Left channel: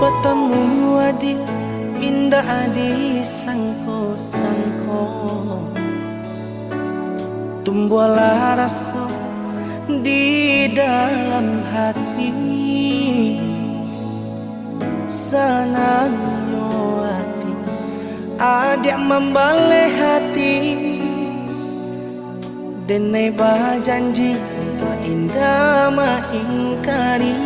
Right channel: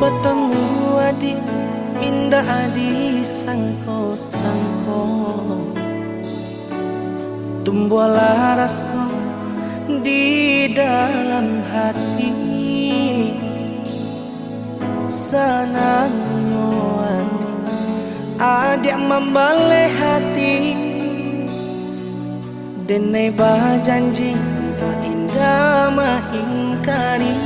Bertemu adik indah adi sangko-sangko, tumbuhlah rasa di dalam hati. Senangnya hati adik membalik hati, denai berjanji tak indah mengingkari.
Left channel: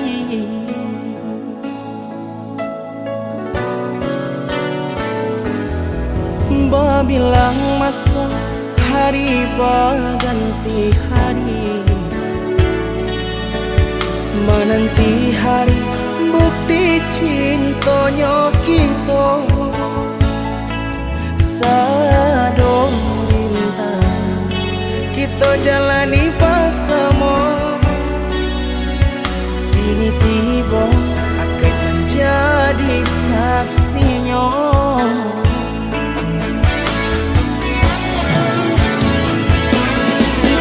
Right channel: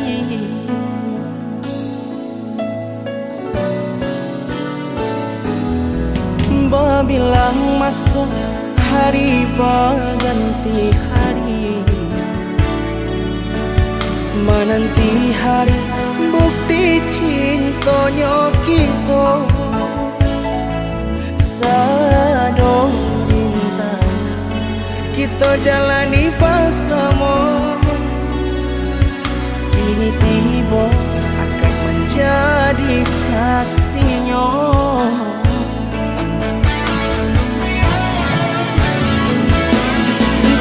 Babilang masa hari berganti hari, menanti hari bukti cintanya kita. Sado rintangan kita jalani bersama, kini tiba akad menjadi saksinya.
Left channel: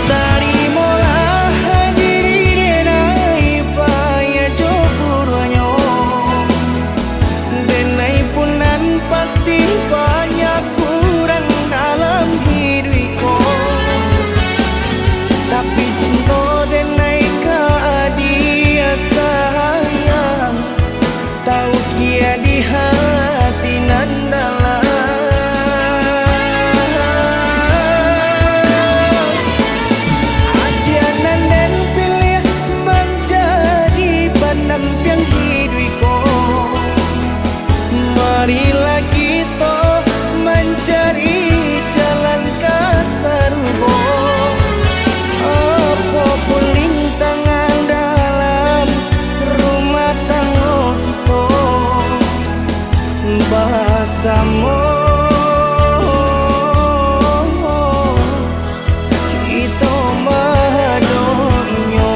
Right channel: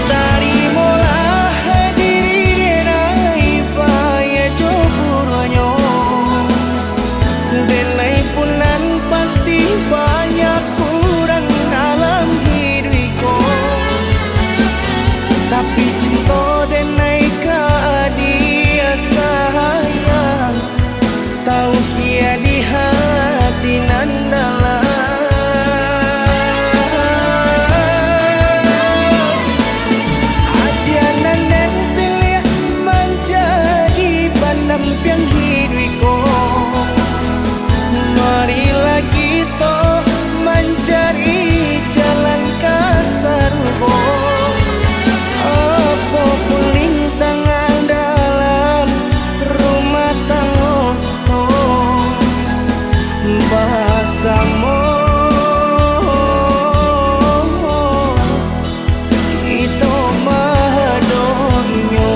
Tarimalah diri denai paya jopuranyo, denai punan pasti banyak kurang dalam hidupku, tapi cinta denai ke dia sayang, tahu kia di hati nan dalam. Nampiang hidupku, marilah kita mencari jalan ke surga. Apapun rintangan dalam rumah tangga kita, bersama kita mendoinya.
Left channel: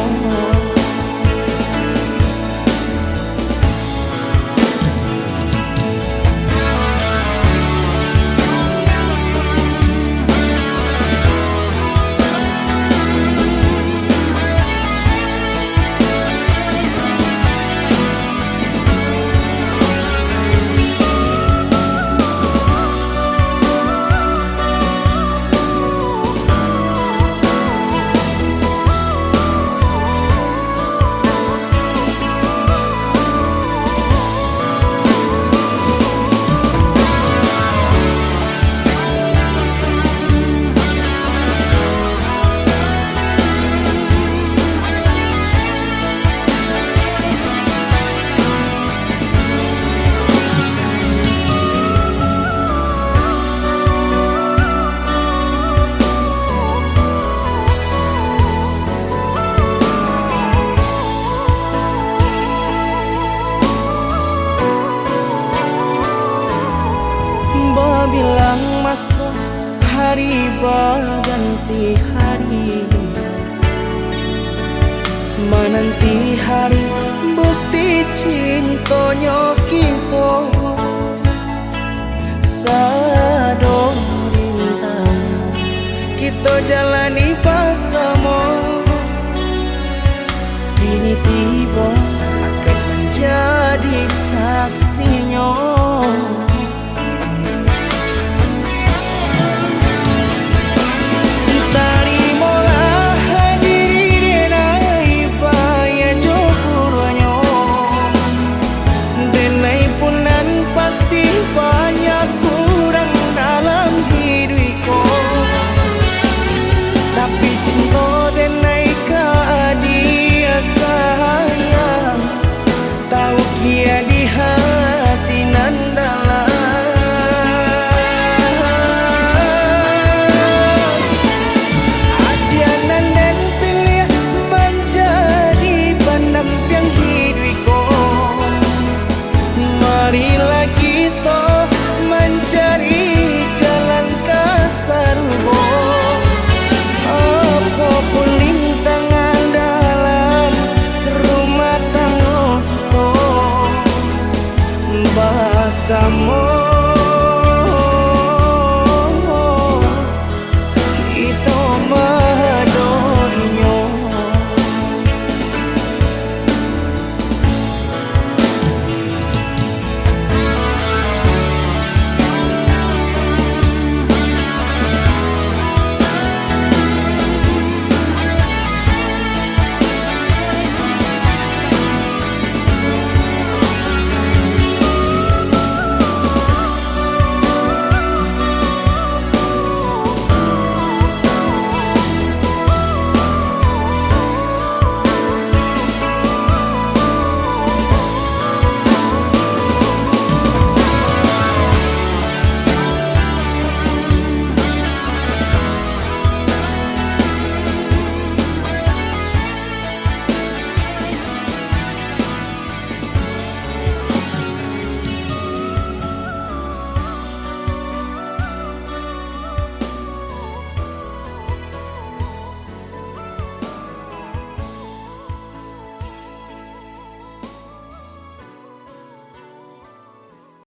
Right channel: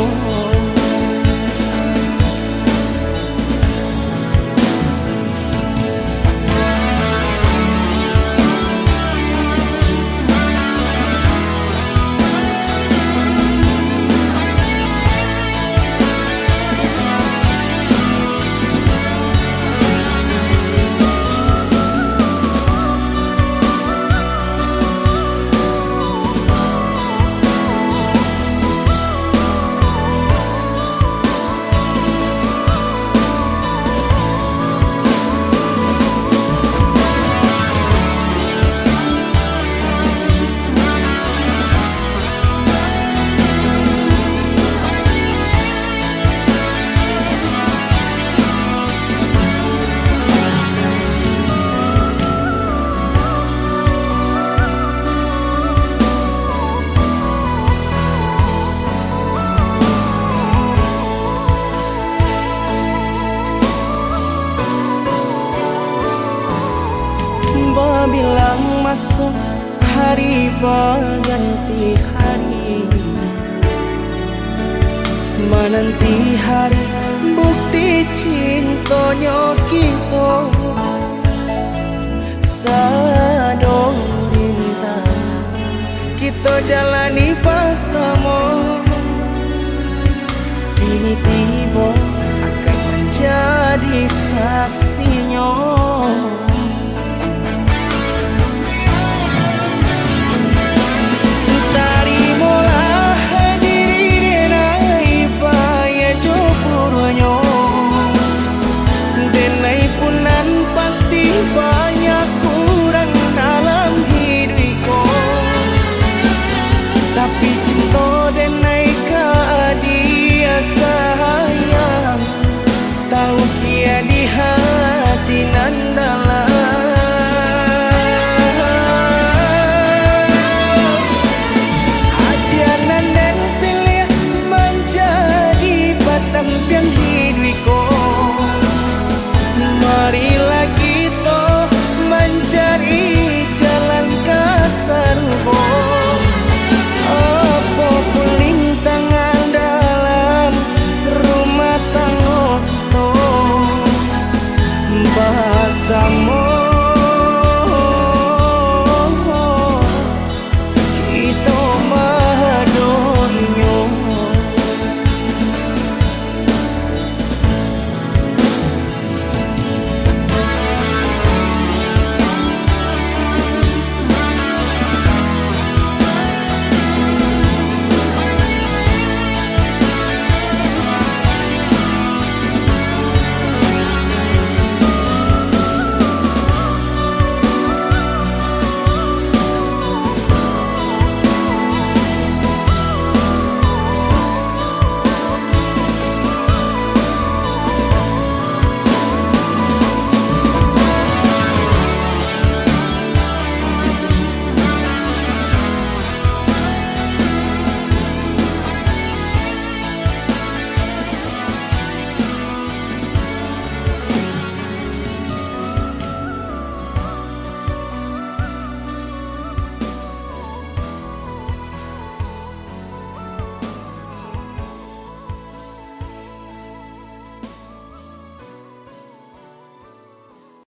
Babilang masa hari berganti hari, menanti hari bukti cintanya kita. Sado rintangan kita jalani bersama, kini tiba akad menjadi saksinya. Tarimalah diri denai paya jopuranyo, denai punan pasti banyak kurang dalam hidupku, tapi cinta denai ke dia sayang, tahu kia di hati nan dalam. Nampiang hidupku, marilah kita mencari jalan ke surga. Apapun rintangan dalam rumah tangga kita, bersama kita